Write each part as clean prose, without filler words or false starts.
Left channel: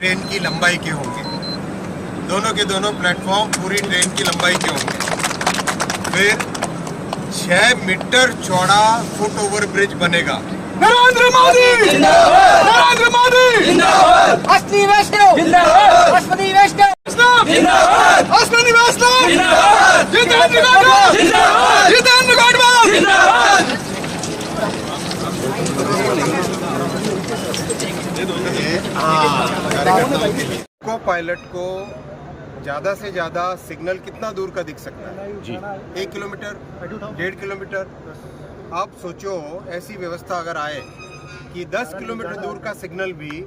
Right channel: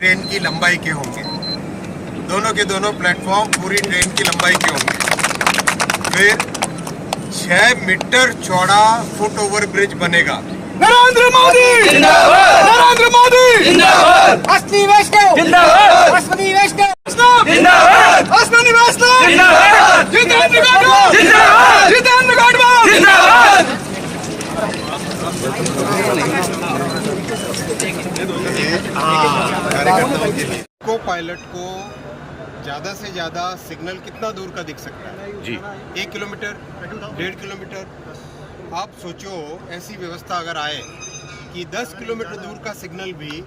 Train की लंबाई के होंगे, दोनों के दोनों प्लेटफॉर्म पूरी ट्रेन की लंबाई के होंगे। फिर 6 मीटर चौड़ा फुट ओवर ब्रिज बनेगा। नरेंद्र मोदी जिंदाबाद, नरेंद्र मोदी जिंदाबाद, अश्विनी वैष्णव जिंदाबाद, अश्विनी वैष्णव जिंदाबाद, अश्विनी वैष्णव जिंदाबाद, जितेंद्र गौडा जिंदाबाद, जितेंद्र गौडा जिंदाबाद। कार्यकर्ताओं के लिए को पायलट को ज्यादा से ज्यादा सिग्नल कितना दूर का दिख सकता है जी? 1 किलोमीटर, 1.5 किलोमीटर। आप सोचो ऐसी व्यवस्था अगर आए कि 10 किलोमीटर दूर का सिग्नल भी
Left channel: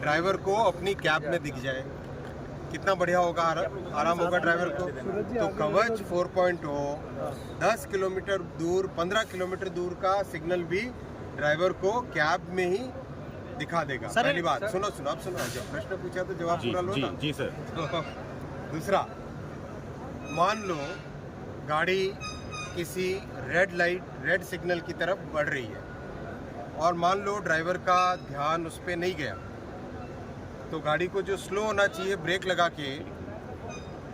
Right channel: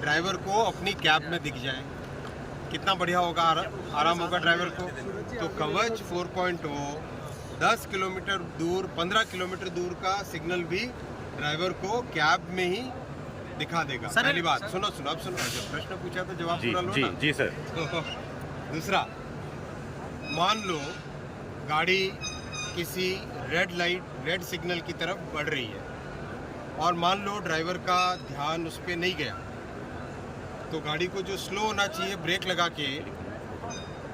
ड्राइवर को अपनी कैब में दिख जाए, कितना बढ़िया होगा, आराम होगा ड्राइवर को। तो कवच 4.0 10 किलोमीटर दूर, 15 किलोमीटर दूर का सिग्नल भी ड्राइवर को कैब में ही दिखा देगा। पहली बात सुनो, अब सुनो, जब प्रश्न पूछा तो जवाब पूरा लो ना। जी सर। दूसरा, मान लो गाड़ी किसी रेड सिग्नल की तरफ बढ़ रही है और मान लो ड्राइवर का ध्यान उस पर नहीं गया, तो गाड़ी को जो स्लो होना चाहिए ब्रेक लगा के,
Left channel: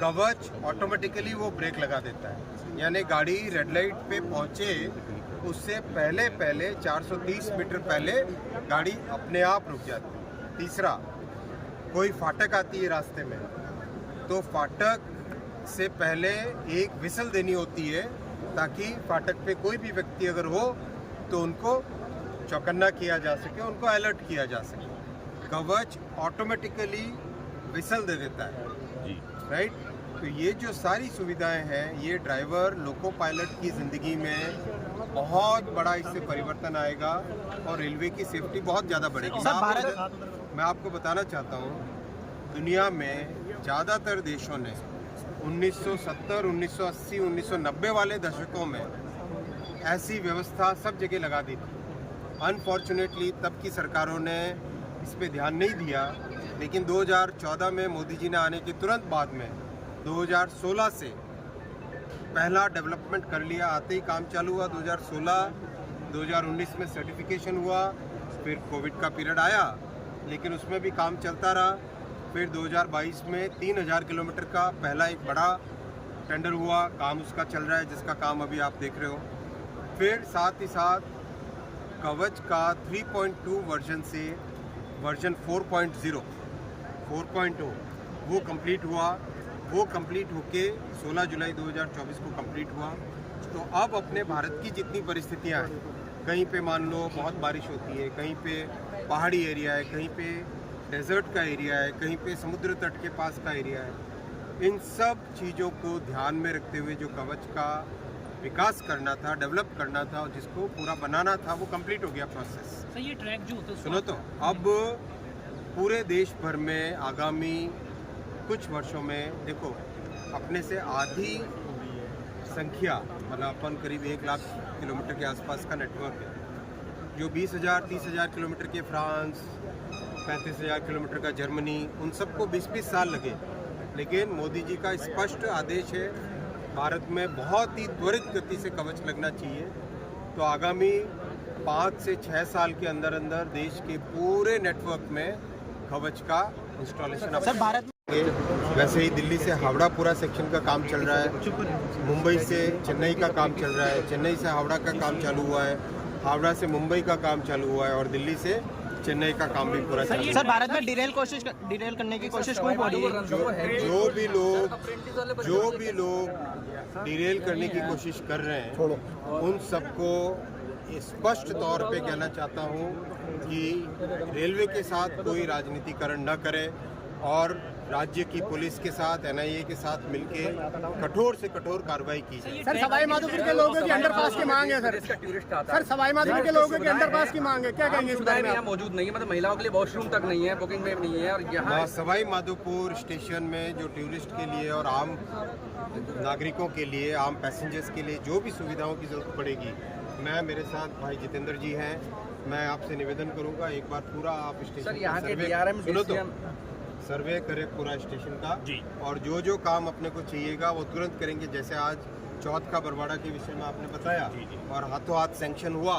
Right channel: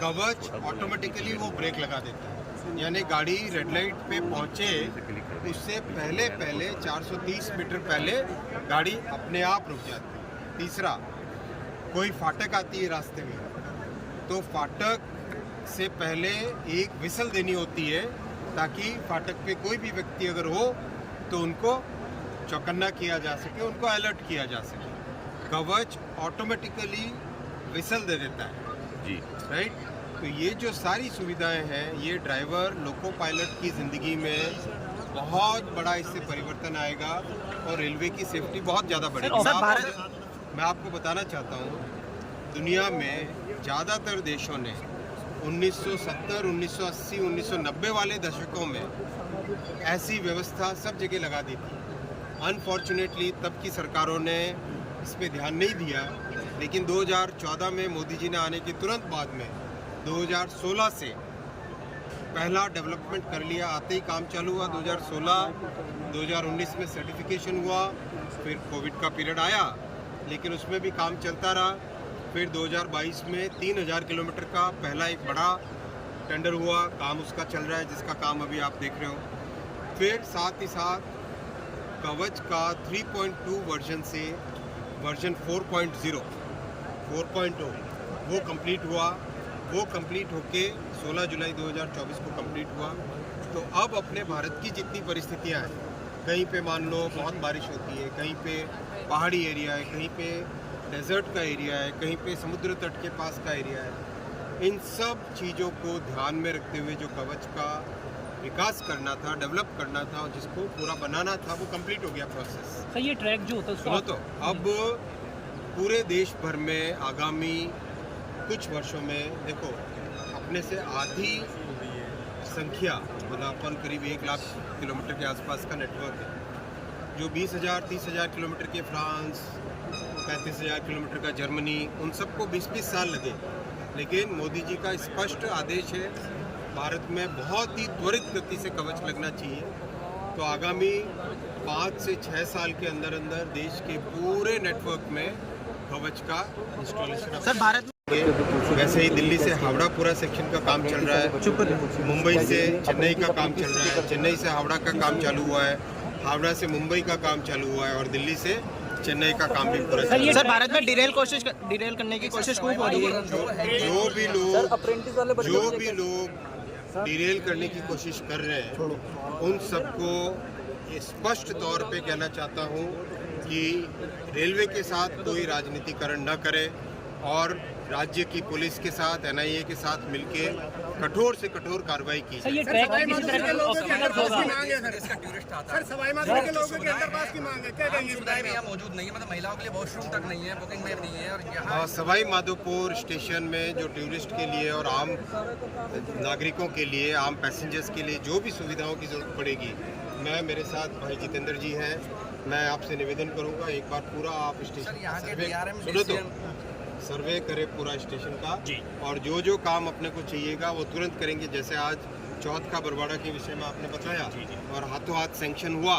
कवच ऑटोमेटिकली वो ब्रेक लगा देता है। यानी गाड़ी रेड लाइट पे पहुंचे उससे पहले 430 मीटर पहले गाड़ी अपने आप रुक जाती है। तीसरा, कोई फाटक आती है रास्ते में, तो फाटक से पहले एक विसल देनी होती है ताकि फाटक पे कोई भी व्यक्ति अगर हो तो उनको चौकन्ना किया जा सके, उनको अलर्ट किया जा सके। कवच ऑटोमेटिकली विसल दे देता है जी, राइट। तो ये जो सारी सुविधाएं हैं, ये ड्राइवर लोको पायलट की ज़िंदगी में बहुत बड़ा इससे परिवर्तन आएगा और रेलवे की सेफ्टी बहुत ज़्यादा बढ़ेगी। मैं आपको बताना चाहता हूँ, दुनिया में ज़्यादातर देशों ने 1970, 1980, 1990 वाले दशकों में ऐसी व्यवस्था सब जगह लगा दी थी। अनफॉर्चुनेटली तब की सरकारों ने इस पे ध्यान नहीं दिया, लेकिन 2014 में मोदी जी ने आने के तुरंत बाद में 2016 से पहला डेवलपमेंट कर लिया, आते ही काम चालू हुआ। 2016, 2019 में सर्टिफिकेशन हुआ, फिर कोविड का पीरियड आया लेकिन उसमें भी काम चलता रहा। फिर 2022 में 3000 किलोमीटर का पहला एक बड़ा टेंडर हुआ, काम उसका चल रहा है, जिसका काम अभी आप देख रहे हो। फिर साथ ही साथ कवच का 3.2 वर्जन से वर्जन 4.0 वो कंप्लीट हुआ। वो कंप्लीट होके 16 जुलाई 2024 को कंप्लीट हुआ। तो अब अपने भारत की जितनी परिस्थितियां हैं, कहीं पे मान लो बहुत बारिश होती है, कहीं पे पहाड़ी एरिया है, कहीं पे डेजर्ट का एरिया है, कहीं पे समुद्र तट के पास का एरिया है, इन सब चीज़ों को ध्यान में रखते हुए जो कवच का विकास करना था, डेवलप करना था, जिसको पूरा बनाना था, वो कंप्लीट हो गया प्रोसेस। सर ये ट्रैक जो होता है, सुनो तो, अब पूरे देश भर में आगामी कुछ वर्षों में देखो, अपने से आधी संख्या, मतलब अपन करीब 1 लाख किलोमीटर के आसपास का नेटवर्क है। जो 20,000, 30,000 किलोमीटर के फ्रांस, 35,000 किलोमीटर का जर्मनी, उन सबको 20-20 साल लगे। लेकिन मोदी जी का स्पष्ट आदेश है, भारत में बहुत ही त्वरित गति से कवच लगना चाहिए। तो आगामी 5 से 6 साल के अंदर अंदर देश के पूरे नेटवर्क में कवच का इंस्टॉलेशन सर भारत वैसे ही दिल्ली से हावड़ा पूरा सेक्शन का काम चल रहा है, मुंबई से चेन्नई का काम चल रहा है, चेन्नई से हावड़ा का काम चालू हुआ है, हावड़ा से मुंबई का काम चालू हुआ है और दिल्ली से चेन्नई का काम भी पूरा चल रहा है। सर भारत में डिरेल करने की कोशिश खूब हो रही है। जो भी लोग डिरेल करने की कोशिश कर रहे हैं, उन सबको स्पष्ट तौर पे कहना चाहता हूँ कि रेलवे के साथ कोई राजनीतिकरण न करे और राज्य की पुलिस के साथ, NIA के साथ मिलके कठोर से कठोर कार्रवाई की जाए। सर सवाई माधोपुर के लोगों की अंडरपास की मांग है सर सवाई माधोपुर के लोगों की अंडरपास की मांग है, क्या कहेंगे? सुविधाएं यहाँ मौजूद नहीं है, मतलब महिलाओं के लिए वॉशरूम तक नहीं है, बुकिंग में नहीं है। और यहाँ सवाई माधोपुर स्टेशन में जो टूरिस्ट के लिए और आम नागरिकों के लिए, आम पैसेंजर्स के लिए जो भी सुविधाओं की जरूरत पड़ेगी, मेरे साथ भाई जितेंद्र जी हैं, मैं आपसे निवेदन करूंगा एक बार पूरा आप स्टेशन का सर्वे सुनो तो, सर्वे करें पूरा स्टेशन का जी, और जो काम अपने को चाहिएगा वो तुरंत करेंगे। जैसे आज चौथ का बरवाड़ा के विषय में आपने बताया और हाथों हाथ सैंक्शन हुआ,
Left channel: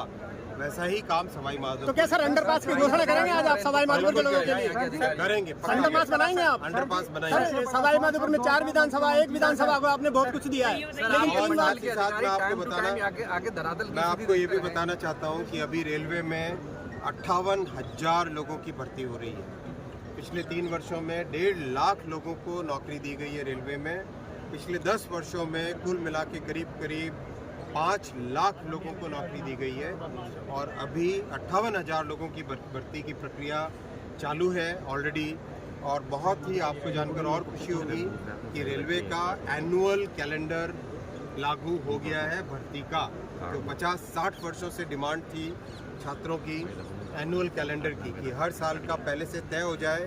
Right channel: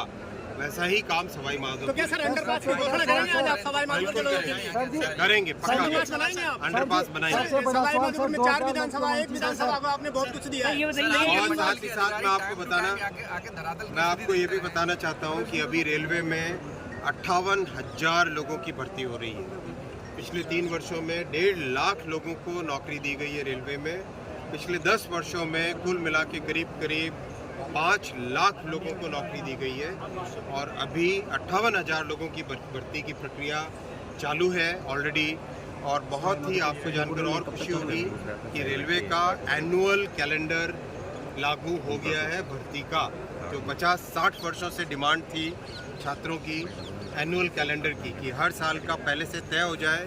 वैसा ही काम सवाई तो माधोपुर क्या सर अंडरपास की घोषणा करेंगे आज आप सवाई माधोपुर के लोगों के लिए? करेंगे, पक्का अंडरपास बनाएंगे आप? अंडरपास बनाएंगे। सर, सवाई माधोपुर में 4 विधानसभा, 1 विधानसभा को आपने बहुत कुछ दिया है। और साथ ही साथ मैं आपको बताना, मैं आपको ये भी बताना चाहता हूँ कि अभी रेलवे में 58,000 लोगों की भर्ती हो रही है। पिछले 3 वर्षों में 1.5 लाख लोगों को नौकरी दी गई है रेलवे में। पिछले 10 वर्षों में कुल मिला के करीब 5 लाख लोगों को नौकरी दी गई है और अभी 58,000 लोगों की भर्ती की प्रक्रिया चालू है ऑलरेडी। और बहुत ही आपको जानकर और खुशी होगी कि रेलवे का एनुअल कैलेंडर लागू हो गया है भर्ती का। जो 50-60 वर्षों से डिमांड थी छात्रों की एनुअल कैलेंडर की, कि हर साल का पहले से तय हो जाए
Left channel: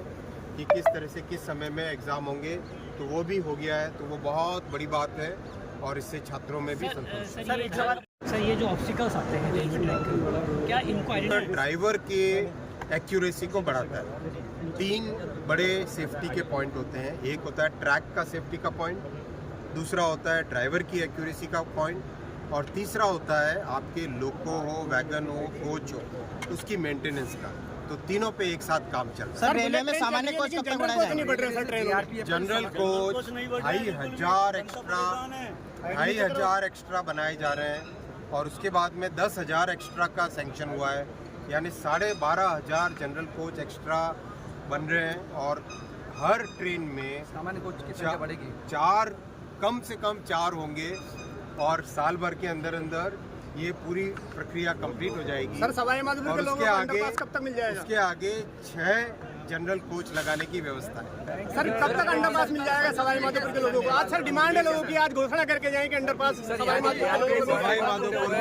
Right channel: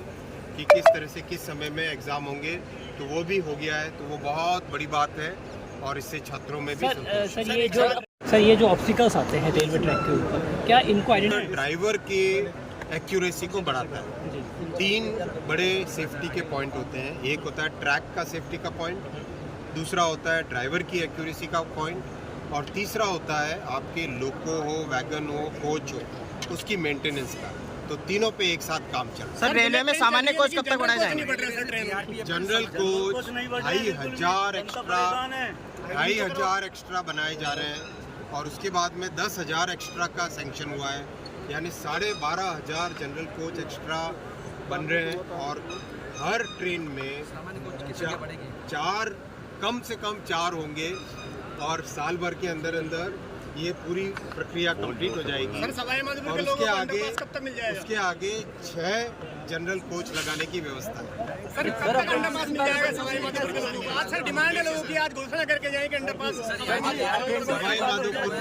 कि किस तरह से किस समय में एग्ज़ाम होंगे, तो वो भी हो गया है। तो वो बहुत बड़ी बात है और इससे छात्रों में भी संतोष है। सर ये जो ऑब्स्टिकल्स आते हैं रेलवे ट्रैक के ऊपर, क्या इनको आइडेंटिफाई ड्राइवर के एक्यूरेसी को बढ़ाता है। 3 बड़े सेफ्टी के पॉइंट होते हैं। एक होता है ट्रैक का सेफ्टी का पॉइंट, दूसरा होता है ड्राइवर की एक्यूरेसी का पॉइंट, और तीसरा होता है आपके लोको हो, वैगन हो, कोच हो, उसकी मेंटेनेंस का। तो तीनों पे एक साथ काम चल रहा सर रेलवे में सामान्य कोच कब तक बढ़ाए जाएंगे? है। जनरल कोच 2,500 एक्स्ट्रा बनाए जा रहे हैं और उसके बाद में 10,000 एक्स्ट्रा का सैंक्शन हुआ है, यानी 12,500 जनरल कोच एक्स्ट्रा बन रहे हैं। और हर ट्रेन में कम से कम 4 होंगे और साल भर के अंदर ये पूरी प्रक्रिया कंप्लीट हो जाएगी। सर सवाई माधोपुर और के लोगों उसके को आगे अंडरपास कब तक मिल जाएगा? उसके आगे 6 जनरल कोच लगाने की व्यवस्था है। सर कब तक अंडरपास मिल जाएगा सवाई माधोपुर के लोगों को? आज सर डिमांड है लोगों की, आज घोषणा करके जाए कि अंडरपास सवाई माधोपुर सवाई माधोपुर में